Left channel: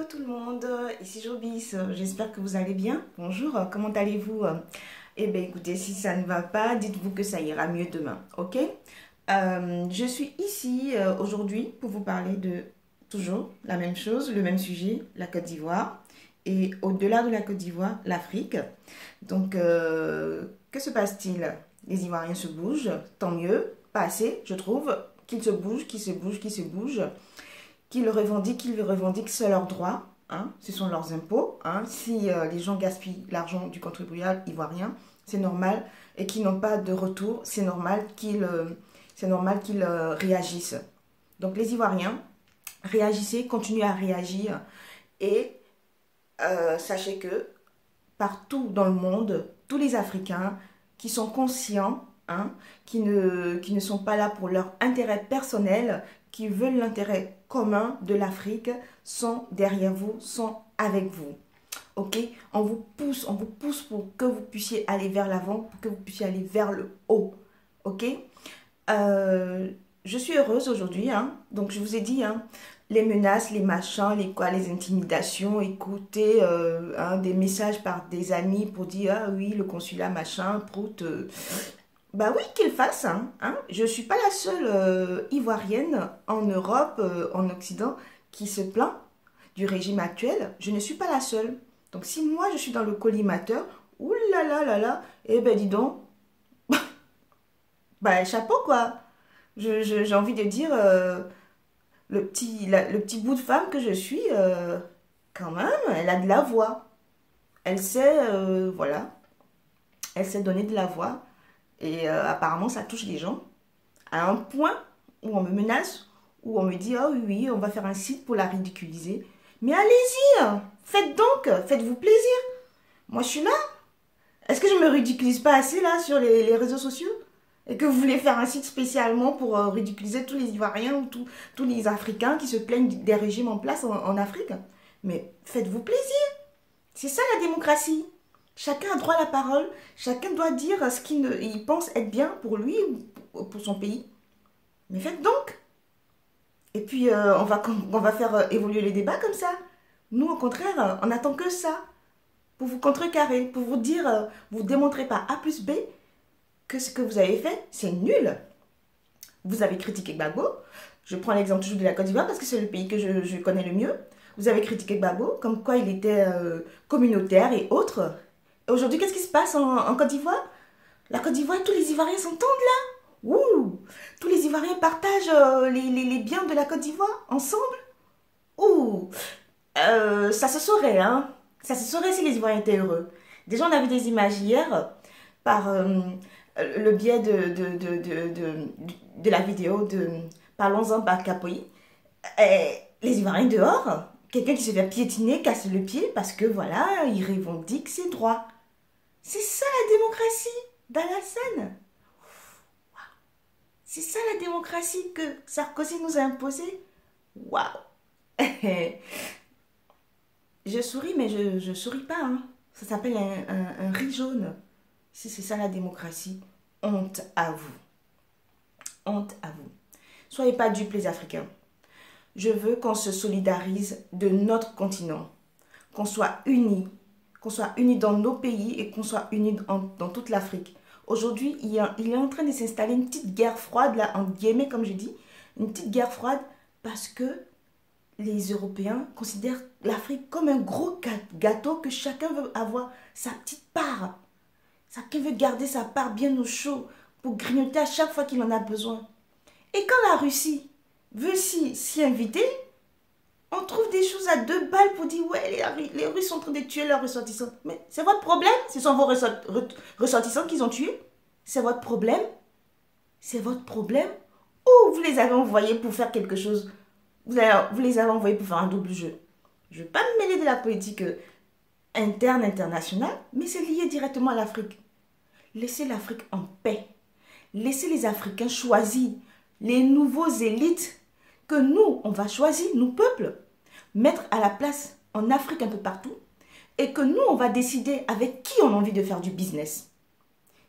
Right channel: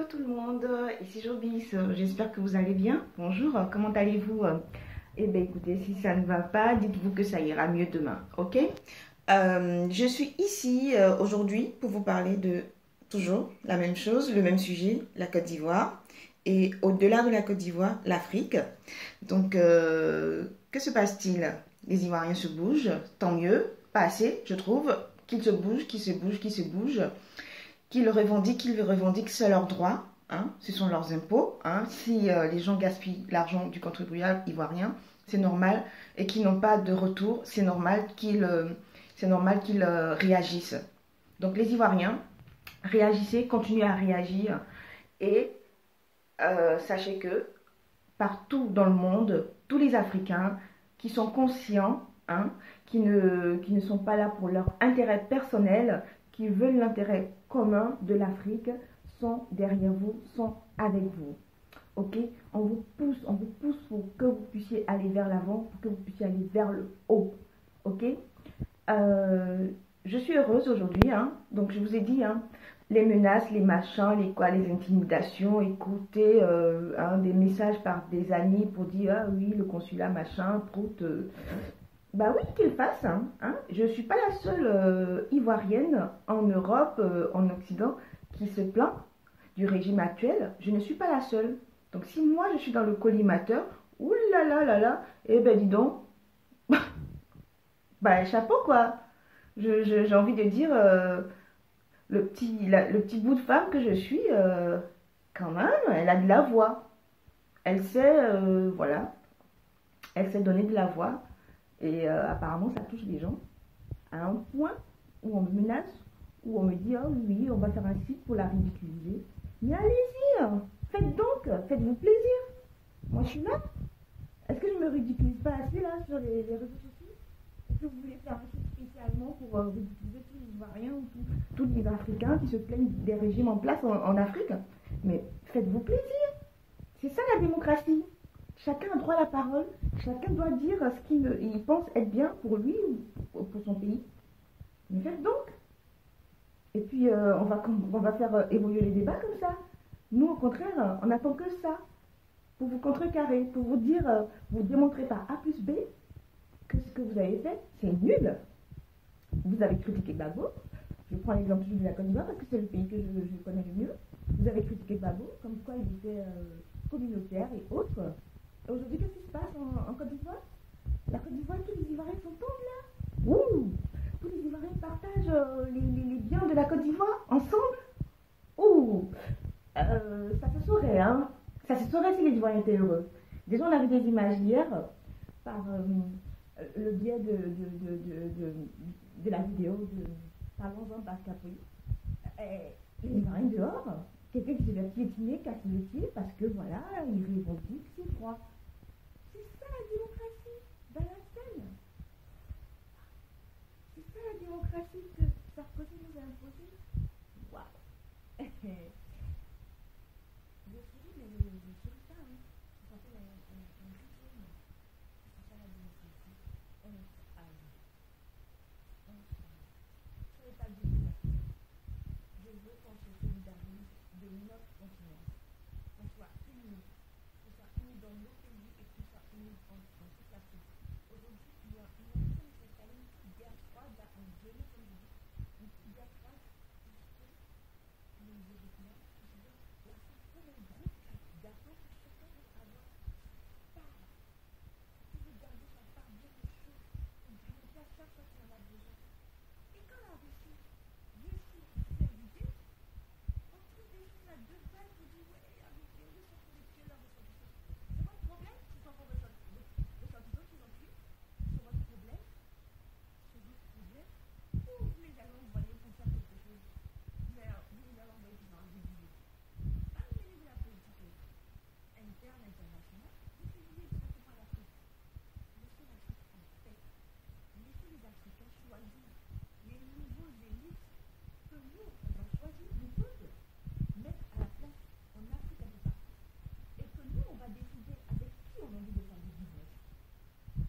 Hello tout le monde, ici Jobis, j'espère que vous allez bien. Bonjour, comment allez-vous? Eh bien écoutez, si ça ne va pas, dites-vous que ça ira mieux demain, ok? Je suis ici aujourd'hui pour vous parler de toujours la même chose, le même sujet, la Côte d'Ivoire. Et au-delà de la Côte d'Ivoire, l'Afrique. Donc, que se passe-t-il? Les Ivoiriens se bougent, tant mieux, pas assez, je trouve, qu'ils se bougent, qu'ils se bougent, qu'ils se bougent. Qu'ils le revendiquent, c'est leur droit, hein, ce sont leurs impôts. Hein. Si les gens gaspillent l'argent du contribuable ivoirien, c'est normal, et qu'ils n'ont pas de retour, c'est normal qu'ils réagissent. Donc les Ivoiriens, réagissez, continuez à réagir, et sachez que partout dans le monde, tous les Africains qui sont conscients, hein, qui ne sont pas là pour leur intérêt personnel, qui veulent l'intérêt commun de l'Afrique, sont derrière vous, sont avec vous. Ok? On vous pousse pour que vous puissiez aller vers l'avant, pour que vous puissiez aller vers le haut. Ok? Je suis heureuse aujourd'hui, hein? Donc je vous ai dit, hein, les menaces, les machins, les intimidations, écouter hein, des messages par des amis pour dire ah oui, le consulat, machin, prout. Bah oui, qu'il fasse. Hein. Je ne suis pas la seule Ivoirienne en Europe, en Occident, qui se plaint du régime actuel. Je ne suis pas la seule. Donc si moi je suis dans le collimateur, oulala, eh ben dis donc, bah chapeau quoi. J'ai envie de dire, le petit bout de femme que je suis, quand même, elle a de la voix. Elle sait, voilà, elle sait donner de la voix. Et apparemment, ça touche les gens à un point où on me menace, où on me dit, ah oui, oui, on va faire un site pour la ridiculiser. Mais allez-y, faites donc, faites-vous plaisir. Moi, je suis là. Est-ce que je me ridiculise pas assez là sur les réseaux sociaux? Et que vous voulez faire un site spécialement pour ridiculiser tous les Ivoiriens ou tous les Africains qui se plaignent des régimes en place en Afrique? Mais faites-vous plaisir. C'est ça la démocratie. Chacun a droit à la parole, chacun doit dire ce qu'il pense être bien pour lui ou pour son pays. Mais faites donc. Et puis on va faire évoluer les débats comme ça. Nous au contraire, on attend que ça. Pour vous contrecarrer, pour vous dire, vous démontrez par A plus B que ce que vous avez fait, c'est nul. Vous avez critiqué Gbagbo. Je prends l'exemple toujours de la Côte d'Ivoire parce que c'est le pays que je connais le mieux. Vous avez critiqué Gbagbo, comme quoi il était communautaire et autres. Aujourd'hui, qu'est-ce qui se passe en Côte d'Ivoire? La Côte d'Ivoire, tous les Ivoiriens s'entendent là. Ouh, tous les Ivoiriens partagent les biens de la Côte d'Ivoire ensemble. Ouh, ça se saurait, hein. Ça se saurait si les Ivoiriens étaient heureux. Déjà, on a vu des images hier par le biais de la vidéo de Parlons-en par Capoï. Les Ivoiriens dehors, quelqu'un qui se fait piétiner, casse le pied parce que voilà, il revendique ses droits. C'est ça la démocratie dans la scène. C'est ça la démocratie que Sarkozy nous a imposée. Waouh. Je souris, mais je souris pas. Hein. Ça s'appelle un riz jaune. Si c'est ça la démocratie, honte à vous. Honte à vous. Soyez pas dupes les Africains. Je veux qu'on se solidarise de notre continent. Qu'on soit unis. Qu'on soit unis dans nos pays et qu'on soit unis dans toute l'Afrique. Aujourd'hui, il est en train de s'installer une petite guerre froide, là, en guillemets, comme je dis, une petite guerre froide parce que les Européens considèrent l'Afrique comme un gros gâteau que chacun veut avoir sa petite part. Chacun veut garder sa part bien au chaud pour grignoter à chaque fois qu'il en a besoin. Et quand la Russie veut s'y inviter, on trouve des choses à 2 balles pour dire ouais, les Russes sont en train de tuer leurs ressortissants. Mais c'est votre problème. Ce sont vos ressortissants qu'ils ont tués. C'est votre problème. C'est votre problème. Ou vous les avez envoyés pour faire quelque chose. Vous les avez envoyés pour faire un double jeu. Je ne vais pas me mêler de la politique interne, internationale, mais c'est lié directement à l'Afrique. Laissez l'Afrique en paix. Laissez les Africains choisir les nouveaux élites que nous, on va choisir, nous peuples, mettre à la place en Afrique un peu partout et que nous, on va décider avec qui on a envie de faire du business.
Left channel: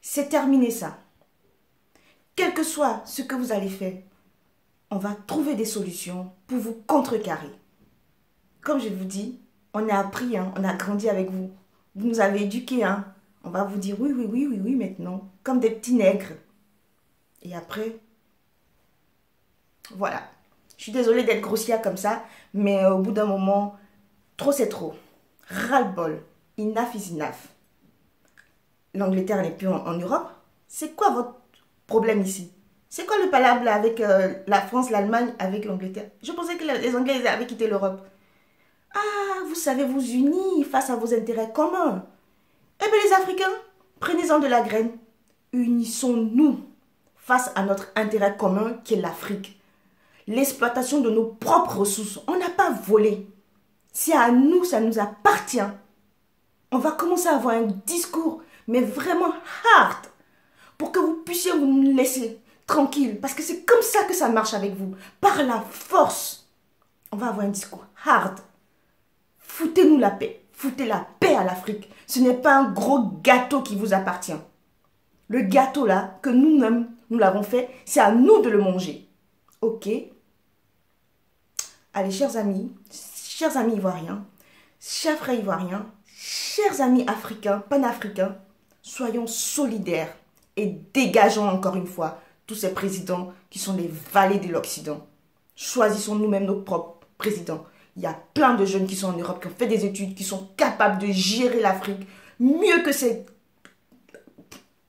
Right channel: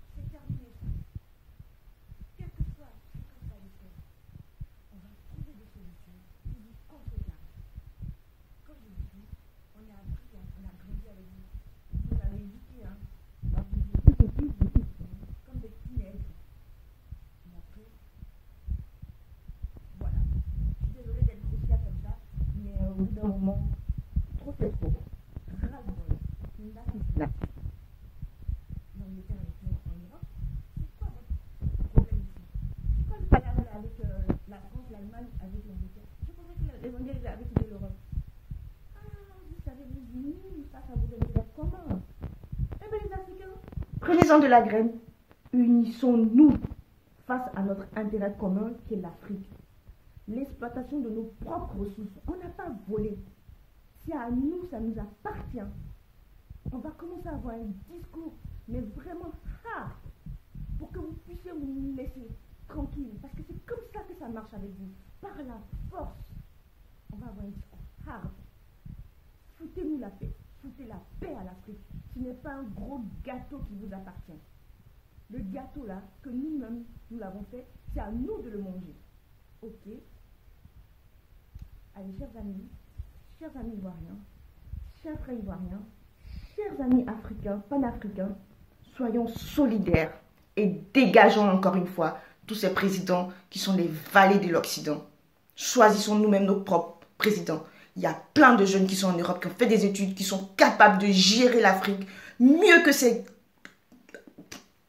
C'est terminé ça. Quel que soit ce que vous allez faire, on va trouver des solutions pour vous contrecarrer. Comme je vous dis, on a appris, hein, on a grandi avec vous. Vous nous avez éduqués, hein. On va vous dire oui, oui, oui, oui, oui maintenant. Comme des petits nègres. Et après, voilà. Je suis désolée d'être grossière comme ça, mais au bout d'un moment, trop c'est trop. Ras-le-bol. Enough is enough. L'Angleterre n'est plus en Europe. C'est quoi votre problème ici? C'est quoi le palabre avec la France, l'Allemagne, avec l'Angleterre? Je pensais que les Anglais avaient quitté l'Europe. Ah, vous savez vous unir face à vos intérêts communs. Eh bien les Africains, prenez-en de la graine. Unissons-nous face à notre intérêt commun qui est l'Afrique. L'exploitation de nos propres ressources. On n'a pas volé. C'est à nous, ça nous appartient. On va commencer à avoir un discours, mais vraiment hard, pour que vous puissiez nous laisser tranquille. Parce que c'est comme ça que ça marche avec vous. Par la force. On va avoir un discours hard. Foutez-nous la paix. Foutez la paix à l'Afrique. Ce n'est pas un gros gâteau qui vous appartient. Le gâteau là, que nous-mêmes, nous l'avons fait, c'est à nous de le manger. Ok? Allez, chers amis ivoiriens, chers frères ivoiriens, chers amis africains, panafricains, soyons solidaires et dégageons encore une fois tous ces présidents qui sont les valets de l'Occident. Choisissons nous-mêmes nos propres présidents. Il y a plein de jeunes qui sont en Europe, qui ont fait des études, qui sont capables de gérer l'Afrique mieux que ces...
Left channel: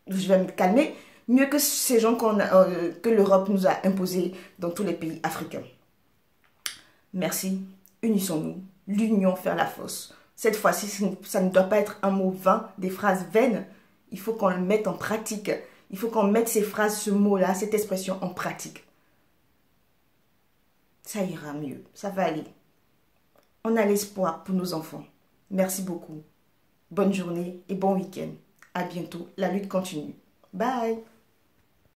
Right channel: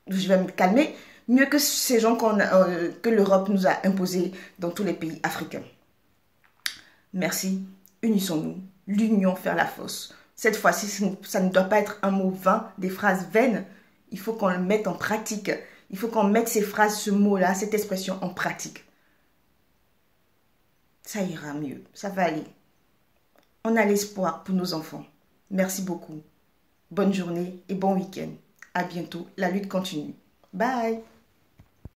Je vais me calmer. Mieux que ces gens que l'Europe nous a imposés dans tous les pays africains. Merci. Unissons-nous. L'union fait la force. Cette fois-ci, ça ne doit pas être un mot vain, des phrases vaines. Il faut qu'on le mette en pratique. Il faut qu'on mette ces phrases, ce mot-là, cette expression en pratique. Ça ira mieux. Ça va aller. On a l'espoir pour nos enfants. Merci beaucoup. Bonne journée et bon week-end. À bientôt. La lutte continue. Bye.